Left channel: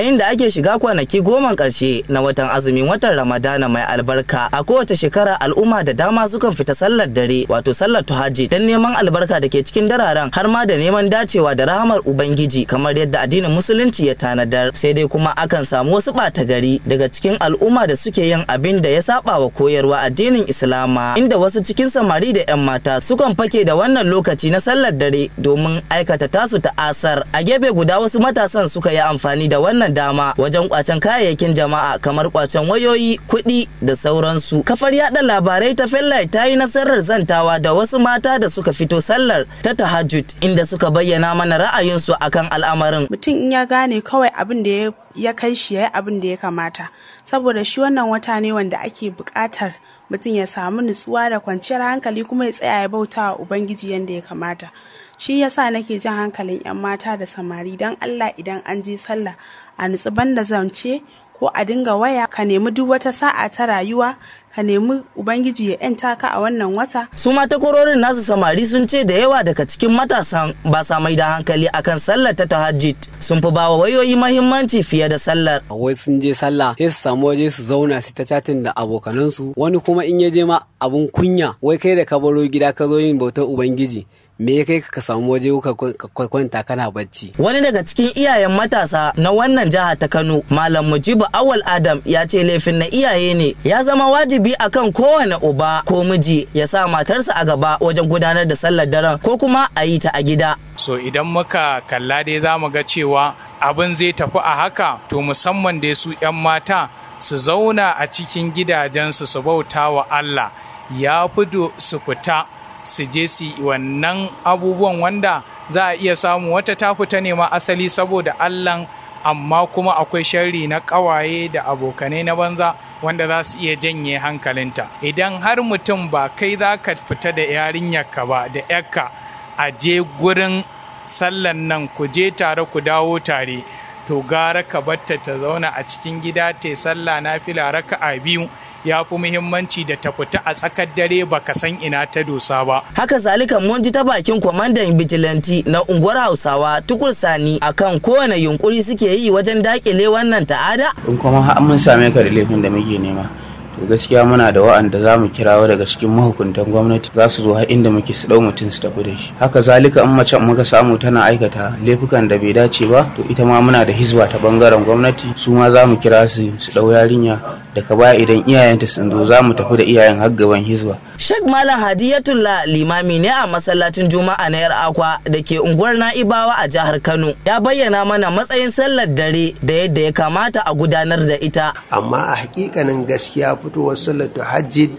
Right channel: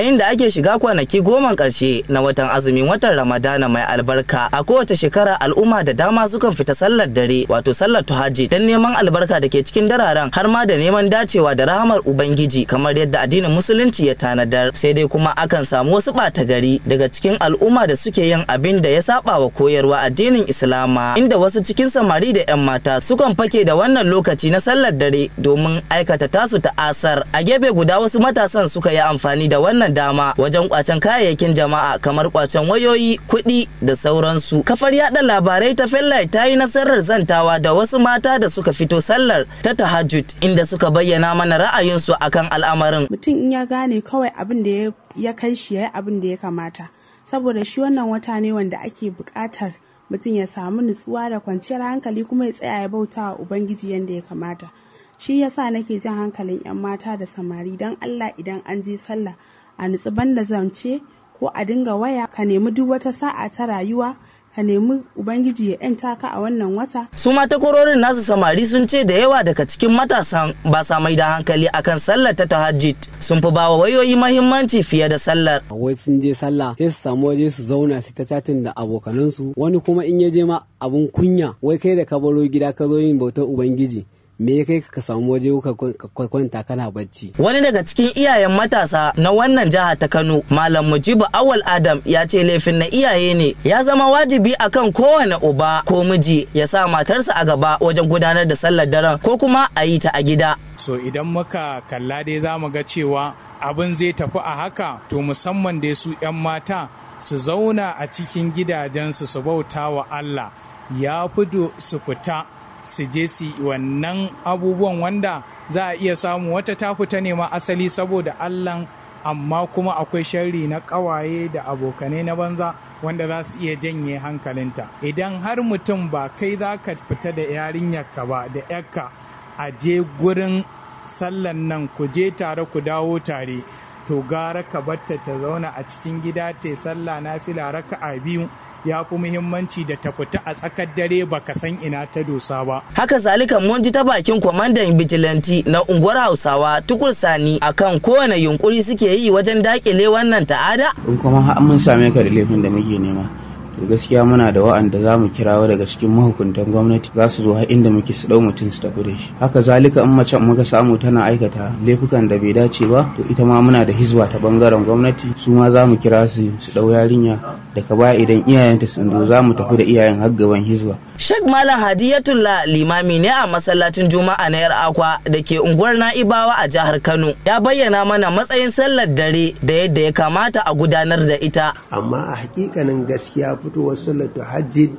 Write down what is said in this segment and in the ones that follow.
yayin da ake shiga kwanaki 10 ƙarshe na watan azumin watan Ramadana mai albarka, a kowace shekara al'umma da dama sukan fita sallar dare wato sallar tahajjud dan neman albarka da ke cikin dararen har ma da neman dacewa da rahamar Ubangiji kamar yadda addinin musulunci ya tanadar. Sai dai kuma akan samu wasu ɓata gari daga cikin al'umma da suke yin abin da ya saba wa koyarwa addinin Islama, inda wasu cikin samari da 'yan mata sukan fake da wannan lokaci na sallar dare domin aikata tasu ta'asar. A gefe guda wasu matasan suka yi amfani da wannan dama wajen kwacen kayayyakin jama'a kamar kwacen wayoyi, kuɗi da sauransu. Kafar yaɗa labarai ta Fairlight ta yi nasarar zantawa da wasu mata da suka fito sallar ta tahajjud, inda suka bayyana mana ra'ayinsu akan al'amarin. Mutum in ya gane kawai abin da ya kai shi ya yi abin da ya kamata, saboda shi wannan wata ne wanda ake buƙatar mutum ya samu nutsuwa da kwanciyar hankali kuma ya tsaya ya bauta wa Ubangiji yadda ya kamata. Shi yasa nake jan hankalin 'yan mata da samari don Allah idan an je sallah a nutsu banda zance ko a dinga waya, ka nemi duk wata sa'a ta rayuwa, ka nemi Ubangiji ya 'yanta ka a wannan wata. Su ma takwarorin nasu samari sun ce da yawa daga cikin matasan ba sa mai da hankali akan sallar ta tahajjud, sun fi bawa wayoyi mahimmanci fiye da sallar. Wai sun je sallah sai su samu waje su zauna su ta chatin da abokanansu, wani kuma in ya je ma abun kunya, wai kai da ka baro gida ka zo yin bautar Ubangiji, me ya kai ka samu waje ka kwanta kana bacci. Wani daga cikin iyayen matasa na wannan jiha ta Kano, Malam Mujibu Awal Adam, ya ce laifin na iyaye ne, ya zama wajibi akan kowane uba ko miji ya sa matarsa a gaba wajen gudanar da sallar daren ko kuma a yi ta a gida. So idan muka kalla dai za mu ga cewa abin zai tafi a haka, to musamman dai su 'yan mata su zauna a cikin gidajensu su bauta wa Allah, ya fi su fita su je su wannan abubuwan wanda za a iya samu wata ta fita ne ma asali saboda Allah, amma kuma akwai sharri na ƙawaye da abokanai na banza wanda za su iya janye hankalinta. Idan har mutum ba kai za ka fita da yarinyarka ba da yarka a je gurin sallan nan ku je tare ku dawo tare, to gara ka batta ta zauna a cikin gida ta sallah nafila raka'a 2 ya fi muhimmanci da ta fita a tsakar dare baka san ina ta dosa ba. Haka zalika mun ji ta bakin kwamandan bijilanti na unguwar Hausawa Tukur Sani akan kowane yunkuri suke yi wajen dakile wannan ta'ada. In kuma har mun same ka da laifin da muke nema, to gaskiya muna da wa'anda za mu kirawo daga cikin mahukuntan gwamnati za su zo har inda muke su dau mutum su tafi da shi. Haka zalika in mace muka samu tana aikata laifukan da bai dace ba, to ita ma muna da hizba ta bangaren gwamnati, su ma za mu kira su dau yarinya, daga baya idan iyayenta sun zo za mu tafi da iyayen har gaban hizba. Sheikh Malam Hadiyatullah limami ne a masallacin Juma'a na Yar Akwa da ke unguwar Na'ibawa a jihar Kano, ya bayyana mana matsayin sallar dare da yadda ya kamata a gudanar da ita. Amma a hakikanin gaskiya fitowar sallar tahajjud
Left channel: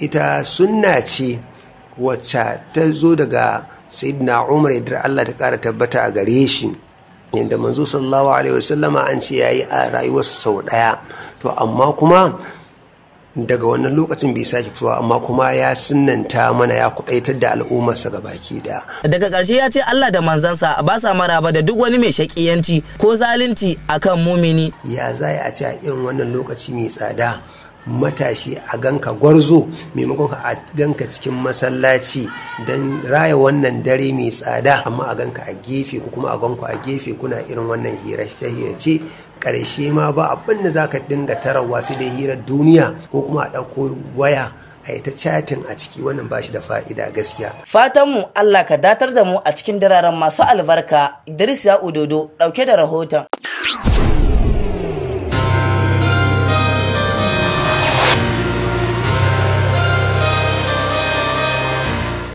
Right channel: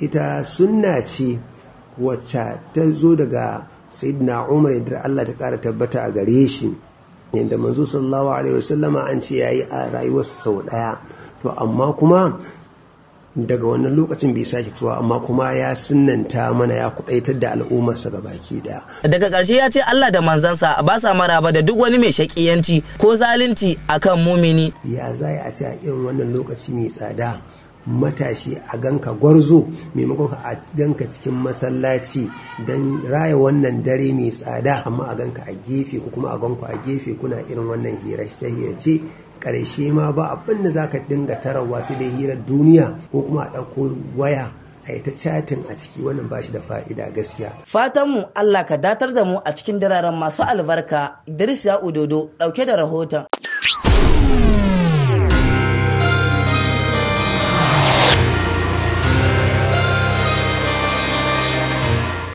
ita sunna ce wacce ta zo daga Sayyidina Umar da Allah ta kara tabbata a gare shi, yadda manzo sallallahu alaihi wasallama an ce yayi a rayuwarsa sau daya, to amma kuma daga wannan lokacin bai sake fitowa, amma kuma ya sunnanta mana ya kudaitar da al'ummarsa gabaki daya. Daga ƙarshe ya ce Allah da manzansa ba sa maraba da duk wani mai shakiyanci ko zalunci akan mumini. Ya zai a ce a irin wannan lokaci mai tsada matashi a ganka gwarzo maimakon a ganka cikin masallaci don raya wannan dare mai tsada, amma a ganka a gefe ko kuma a ganku a gefe kuna irin wannan hirace ƙarshe ma ba abin da za ka dinga tarawa sai dai hirar duniya ko kuma a ɗauko waya a yi ta chatin a ciki, wannan ba shi da fa'ida gaskiya. Fatanmu Allah ka datar da mu a cikin dararen masu albarka. Idris ya Udodo ɗauke da rahoton.